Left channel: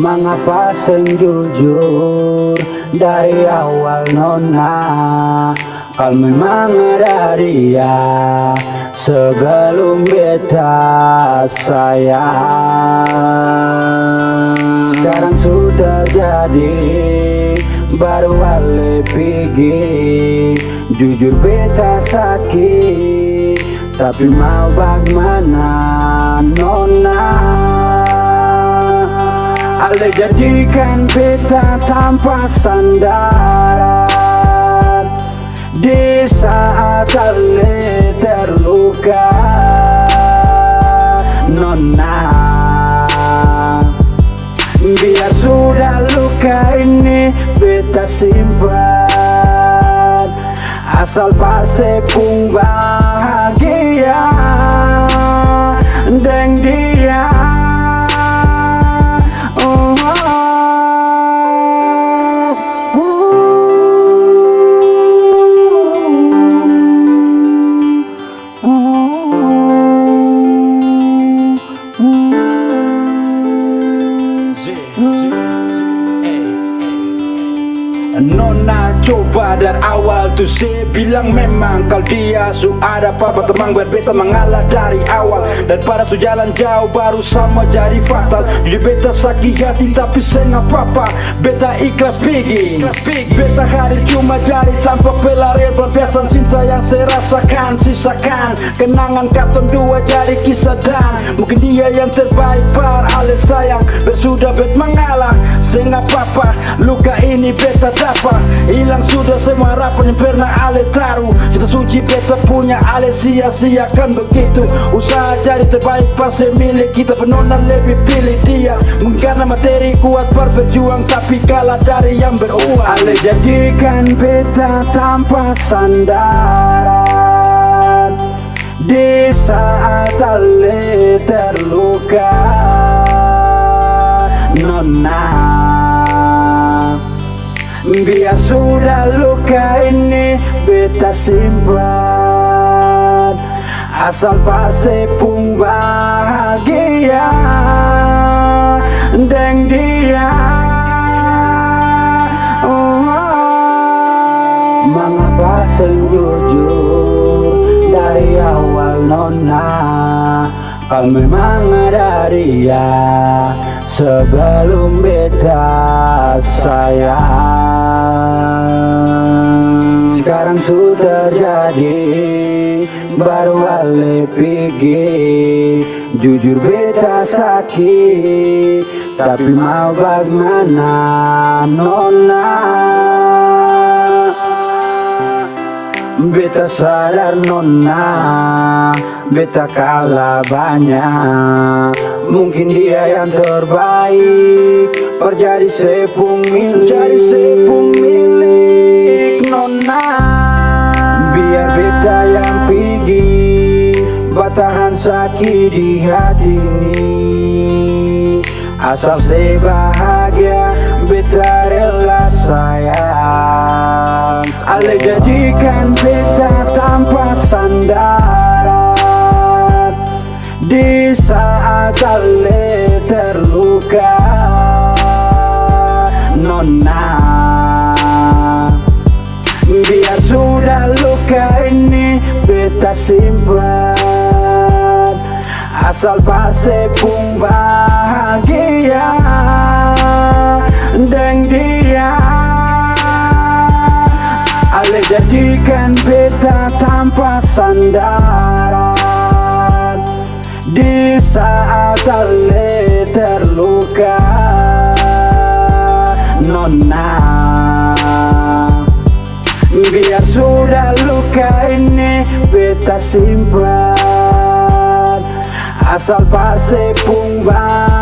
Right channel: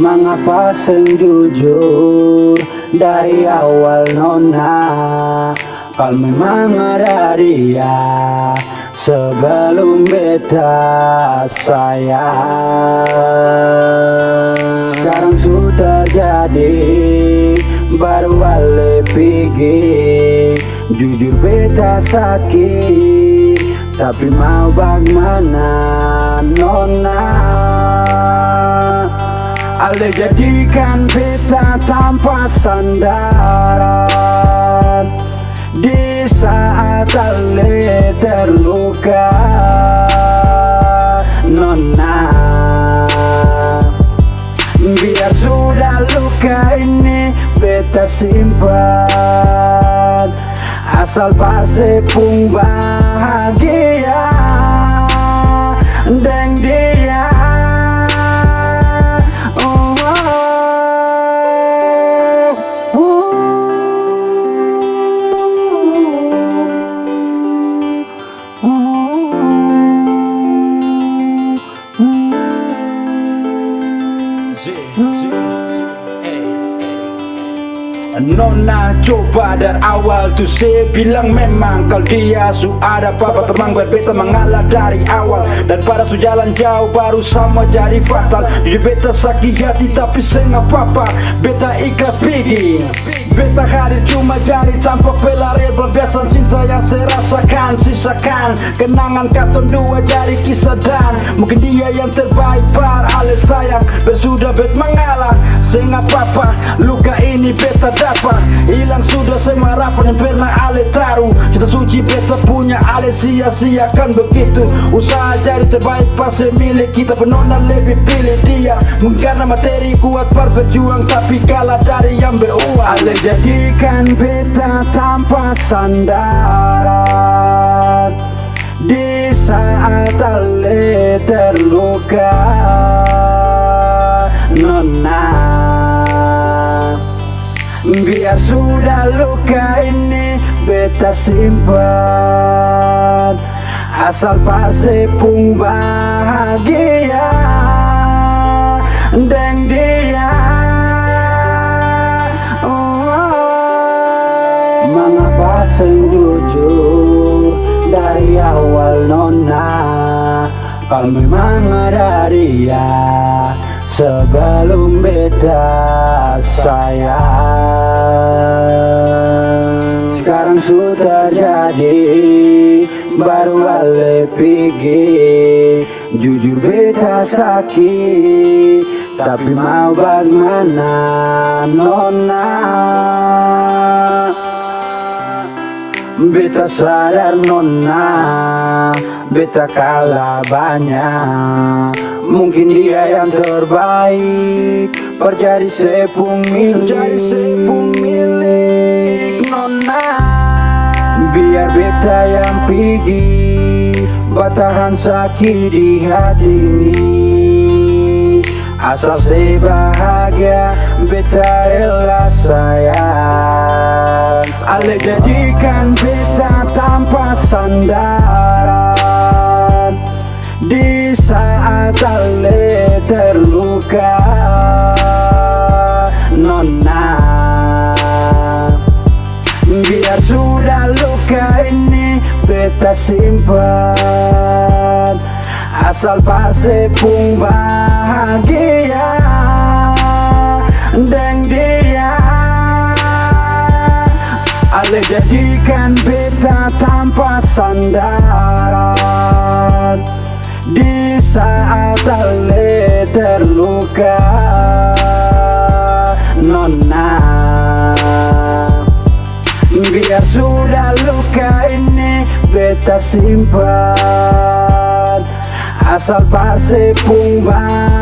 Mengapa sing jujur dari awal nona? Kau memang ada dia sebelum beta sayang. Sekarang sudah jadi baru ale pergi. Jujur beta sakit, tapi mau bagaimana nona? Ale jadikan beta tanpa sandaran di saat ale terluka nona. Biar sudah luka ini beta simpan, asal pasti pun bahagia dengan dia. Nona coba dari awal tuh saya bilang memang kalau dia su ada papa teman buat beta mengalah dari awal. Daripada su jalan jauh baru sama jadi fatal. Jujur beta sakit hati tapi saya nggak apa-apa, beta ikhlas pergi. Beta hadir cuma cari tanpa pelarian pelampiasan cinta yang saya rasakan. Sisakan kenangan katon dua jadi kisah dan mungkin dia yang terbaik par ale sayang. Dan sudah bet mengalah, saya nggak apa-apa, luka ini beta dapat. Hilang sudah semua harapan yang pernah ale taruh. Cinta suci beta punya ale sia-siakan begitu. Usaha jadi terbaik pasti milik kita, penona lebih pilih dia. Mungkin karena materi kuat berjuang tapi kalah dari yang beruang. Ale jadikan beta tanpa sandaran di saat ale terluka nona. Biar sudah luka ini beta simpan, asal pasti pun bahagia dengan dia. Mengapa sing jujur dari awal nona? Kau memang ada dia sebelum beta sayang. Sekarang sudah jadi baru ale pergi. Jujur beta sakit tapi mau bagaimana nona? Beta sadar nona, beta kalah banyak. Mungkin dia yang terbaik perjadi sepung milik nona. Biar beta yang pergi, batahan sakit di hati ini. Asal saya bahagia, beta rela sayang. Ale jadikan beta tanpa sandaran di saat ale terluka nona. Biar sudah luka ini beta simpan, asal pasti pun bahagia dengan dia. Ale jadikan beta tanpa sandaran di saat ale terluka nona. Biar sudah luka ini beta simpan, asal pasti pun bahagia.